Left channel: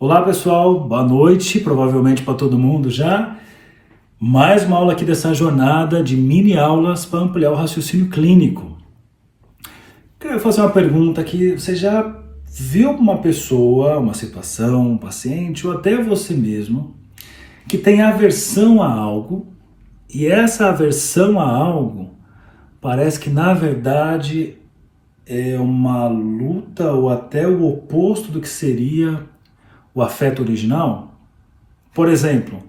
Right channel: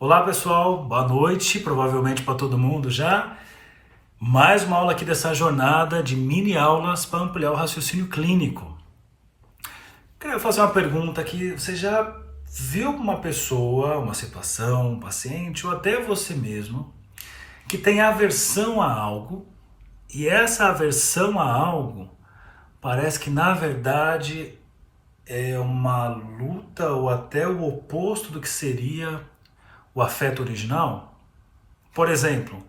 Olá pessoal, boa noite, provavelmente para todo mundo já. Mais uma aula aqui dessa jornada de mini aulas para ampliar o raciocínio clínico. Quero fazer uma pergunta aqui, você já viu uma pessoa, uma situação, um paciente ou até você mesmo que tem aversão a algo e essa aversão a algo parece que na verdade é uma luta ou até o oposto do que seria o afeto original? Por exemplo,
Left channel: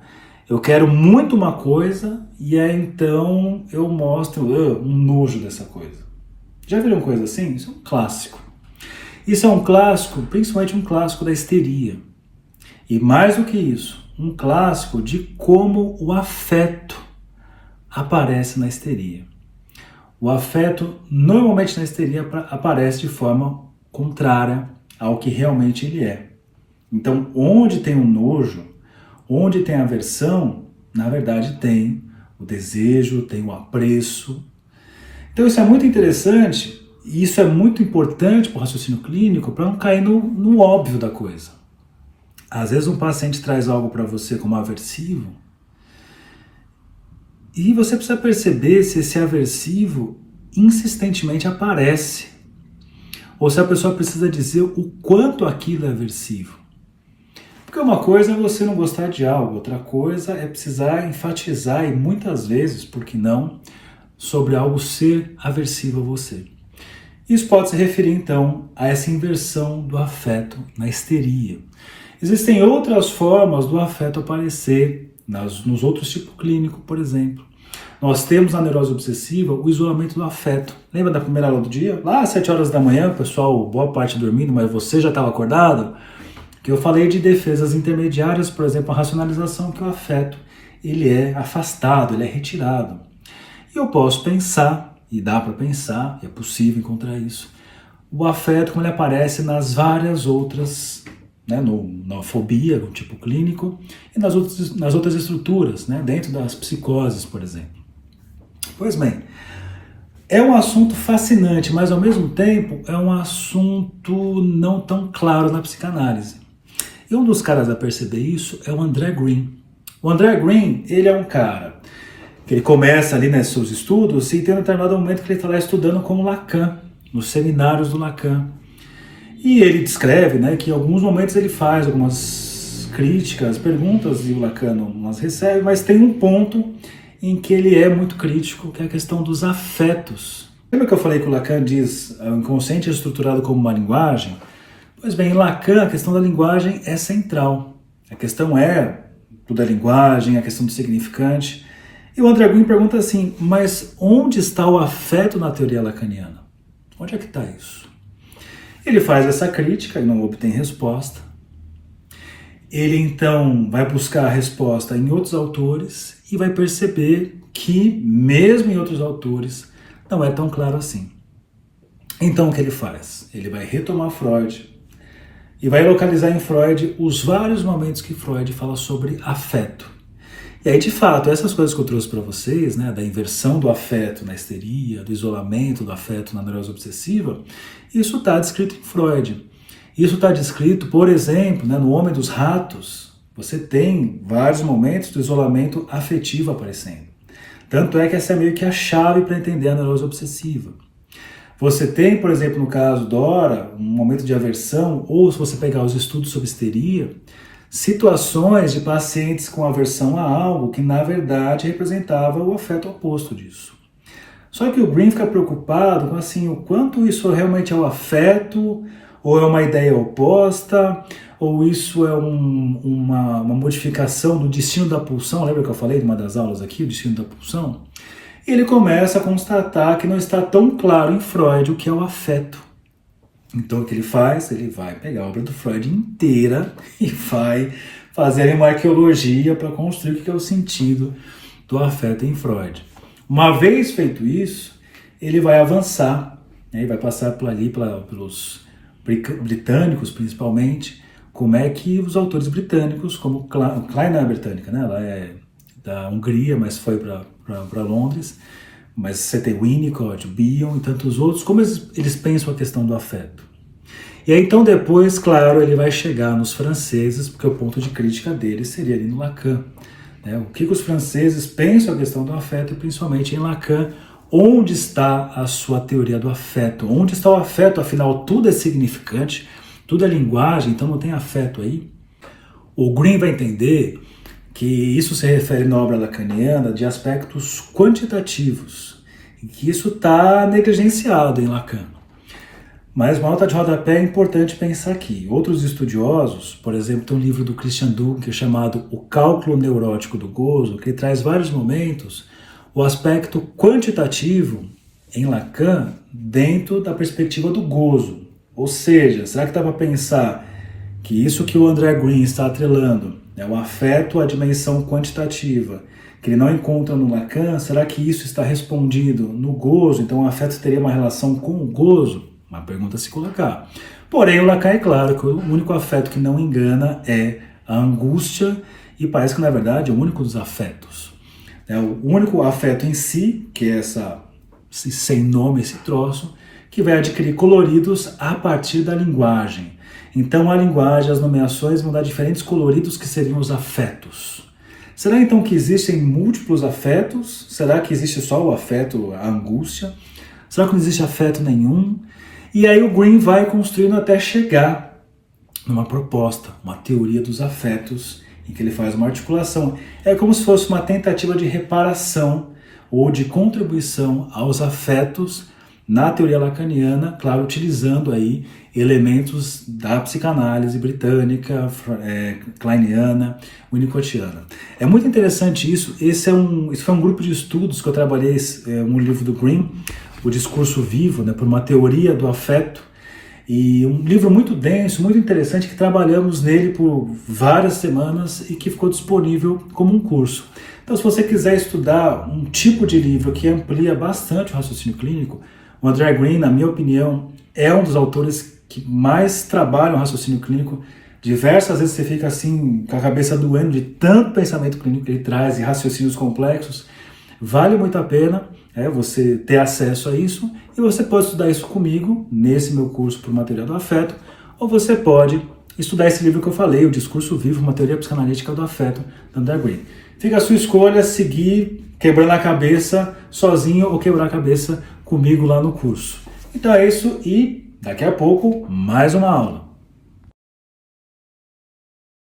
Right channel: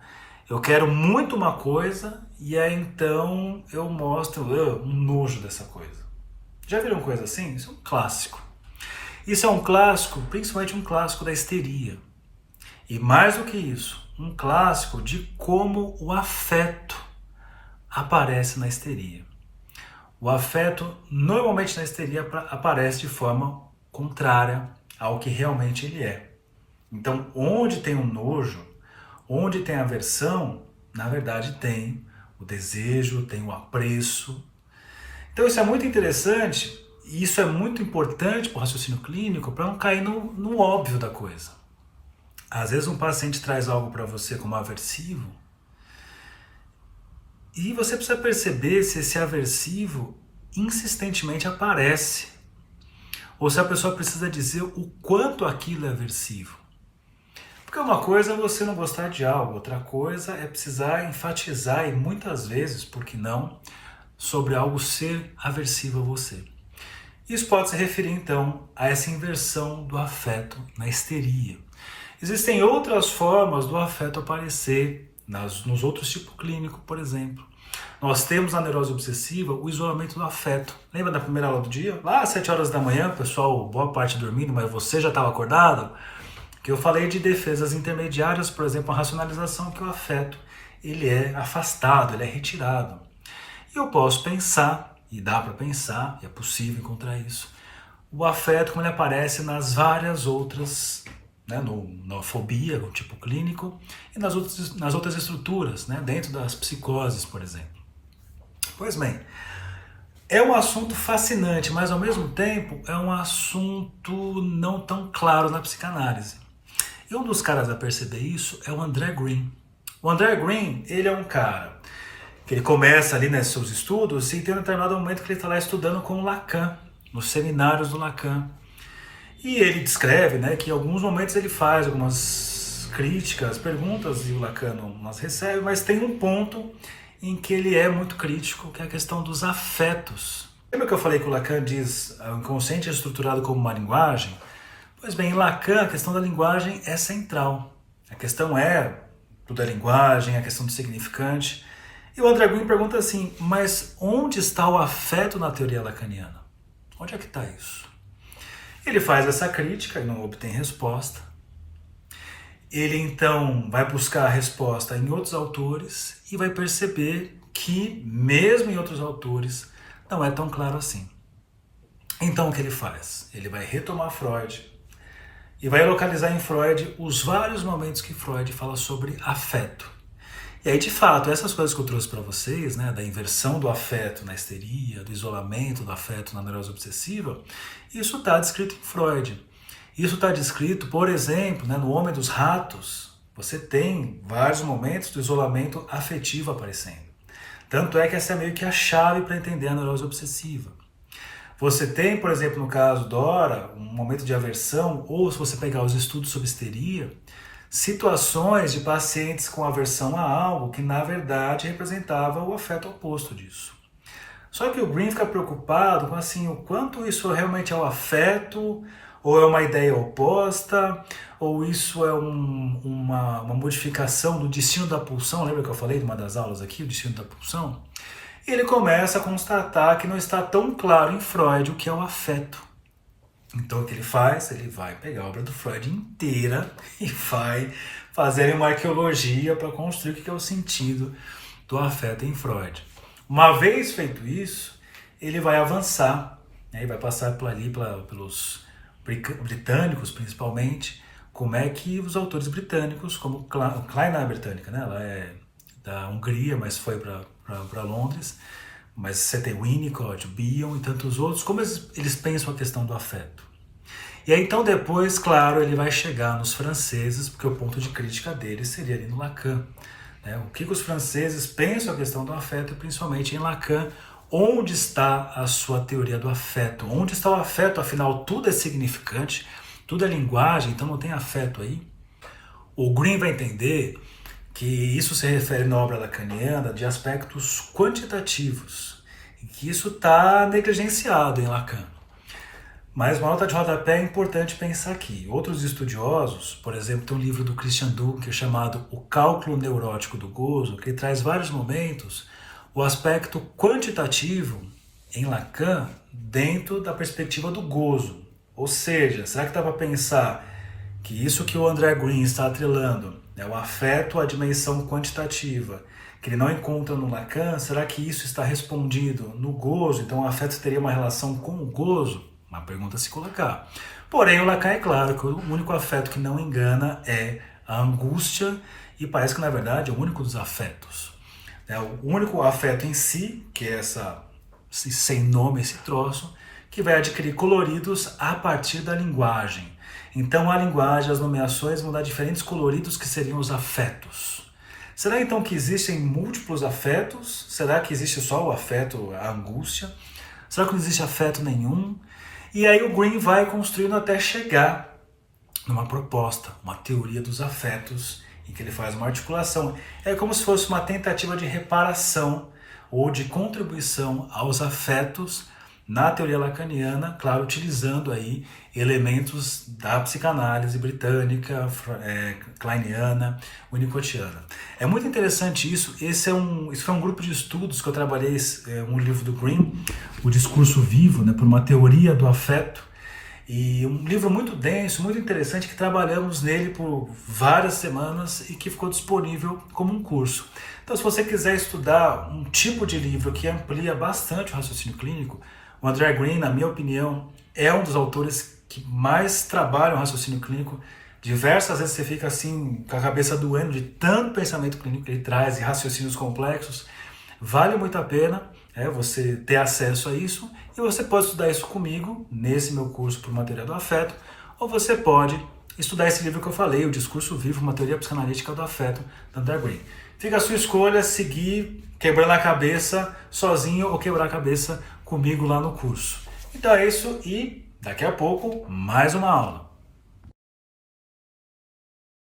eu quero muito uma coisa e aí então eu mostro um nojo dessa coisa. Já viram coisa assim? Isso é um clássico. Isso é um clássico, principalmente um clássico da histeria. E mais do que isso, um clássico de como o afeto aparece na histeria. O afeto normalmente na histeria aparece de forma contrária ao que realmente ele é. Então, onde tem o nojo, onde tem aversão, na verdade tem o desejo, tem o apreço. Então isso é muito interessante e isso é muito importante para o raciocínio clínico para não cair no óbvio da coisa. Às vezes um paciente traz algo para você como aversivo e você precisa perceber se esse aversivo insistentemente aparece ou se a pessoa precisa dizer o quanto aquilo é aversivo. Porque uma coisa é você não gostar de algo, outra coisa é precisar enfatizar e muitas vezes, por que não, sobre algo ser aversivo a você. Isso pode se referir então a essa inversão do afeto na histeria. Existem outras formas do afeto aparecer nos outros tipos clínicos, por exemplo. Nós temos na neurose obsessiva o isolamento do afeto. Lembra da primeira aula do dia? Lá às 7 horas da manhã, pessoal, boa parte dormindo, mas você já estava acordado? Que eu falei de defesas intermediárias, por exemplo, a racionalização, que o afeto ele é afastado, ele é retirado. E eu posso pensar, e dá para pensar, é possível encontrar isso, o afeto como ele aparece nas várias outras, né, na fobia, no tipo clínico, e nas outras estruturas, né, dentro das psicoses, por exemplo. Pois bem, é um assunto fascinante, mas ao mesmo tempo é um assunto não tão claro na psicanálise. E um dos caras a perceber isso é o André Green. O André Green, ele é um cara que ele começa ali nos seus estudos e tem um determinado momento que ele está lá estudando com Lacan, nos seminários do Lacan. E ele descreve, né, que em alguns momentos ele faz algumas críticas, perguntas e o Lacan não as recebe, mas tem um ponto em que ele é muito crítico, que é a questão dos afetos. Lembra que eu falei que o Lacan diz o inconsciente é estruturado como uma linguagem? Pois bem, em Lacan, a questão da linguagem é central. A questão é tudo a linguagem, a questão do significante. E o André Green pergunta assim, mas onde está o afeto na teoria lacaniana? Onde é que está isso? Ele faz essa crítica e não obtém resposta. Ele então vai buscar a resposta em outros autores e vai perceber que, mesmo em outros autores, não é tão claro assim. Então o que ele faz? Ele vai retomar Freud, e vai localizar em Freud os vários momentos que Freud fala sobre afeto. E aí, de fato, essas coisas que eu trouxe para vocês, né, da inversão do afeto na histeria, do isolamento do afeto na neurose obsessiva, isso está descrito em Freud. Isso está descrito, por exemplo, né, no Homem dos Ratos. Você tem vários momentos do isolamento afetivo aparecendo. Tanto é que essa é meio que a chave para entender a neurose obsessiva. Você tem, por exemplo, no caso Dora, um momento de aversão, ou se você pegar os estudos sobre histeria, situações de pacientes com aversão a algo que, na verdade, representava o afeto oposto disso. Só que o Green fica preocupado com assim, o quanto isso realmente é o afeto, ou é uma ideia oposta, ou isso é uma modificação do destino da pulsão. Lembra que eu falei de uma das aulas aqui, o destino da pulsão? E ele começa a constatar que não está tão claro em Freud o que é o afeto. Então o que ele faz? Ele vai pegar a obra do Freud inteira e vai fazer uma arqueologia para construir o que é o sentido do afeto em Freud. Uma vez feito isso, ele vai avançar, né? Ele vai passar por ali pelos britânicos principalmente, como é que os autores britânicos, como Klein não é britânica, né? Ela é da Hungria, mas foi para Londres, mas você tem Winnicott, Bion e tantos outros, como eles pensam a questão do afeto. E aí então depois, claro, ele vai chegar nos franceses, porque o ponto de crítica dele seria ali no Lacan. Né? O que os franceses pensam a questão do afeto, e principalmente em Lacan, onde está a sua teoria do afeto? Onde está o afeto? Afinal, tudo é significante, tudo é linguagem, então não tem afeto aí. O Green vai entender que isso se refere na obra lacaniana de aspectos quantitativos, e que isso está negligenciado em Lacan. Mas uma nota de rodapé é importante pensar aqui. Outros estudiosos, por exemplo, tem um livro do Christian Dunker chamado O Cálculo Neurótico do Gozo, que traz vários momentos o aspecto quantitativo em Lacan dentro da perspectiva do gozo. Ou seja, será que dá para pensar que isso que o André Green está atrelando, o afeto à dimensão quantitativa, que ele não encontra no Lacan, será que isso está respondido no gozo? Então o afeto teria uma relação com o gozo? Uma pergunta a se colocar. Porém, o Lacan é claro que o único afeto que não engana é a angústia, e parece que na verdade é o único dos afetos. O único afeto em si, que é esse sem nome, esse troço, que vai adquirir coloridos a partir da linguagem. Então a linguagem, as nomeações vão dar diferentes coloridos que seriam os afetos. Será então que existem múltiplos afetos? Será que existe só o afeto, a angústia? Será que não existe afeto nenhum? E aí o Green vai construindo até chegar numa proposta, uma teoria dos afetos, em que ele faz uma articulação. É como se fosse uma tentativa de reparação ou de contribuição aos afetos na teoria lacaniana, claro, utilizando aí elementos da psicanálise britânica, kleiniana, winnicottiana. É muito interessante isso. Esse foi um grupo de estudos que eu trabalhei, um livro do Green, O Discurso Vivo, por uma teoria do afeto, e um livro muito denso, muito interessante, que trabalhamos nele por várias semanas e que ficou disponível como um curso. Então, se você quiser estudar um tipo de livro que amplia bastante o raciocínio clínico, o André Green, na minha opinião, é um dos autores que mais trabalham o raciocínio clínico. Diversas vezes você fica assim, com a cabeça doendo de tanto pensamento clínico que ele traz e raciocínios complexos. Vale muito a pena você ter acesso a isso, e você pode estudar isso comigo nesse meu curso por uma teoria do afeto, ou você pode estudar esse livro que eu falei, O Discurso Vivo, uma teoria psicanalítica do afeto, do André Green. Fica a sua escolha, seguir quebrando a cabeça sozinho ou quebrar a cabeça comigo lá no curso. Então é isso, e daqui a pouco mais uma aula.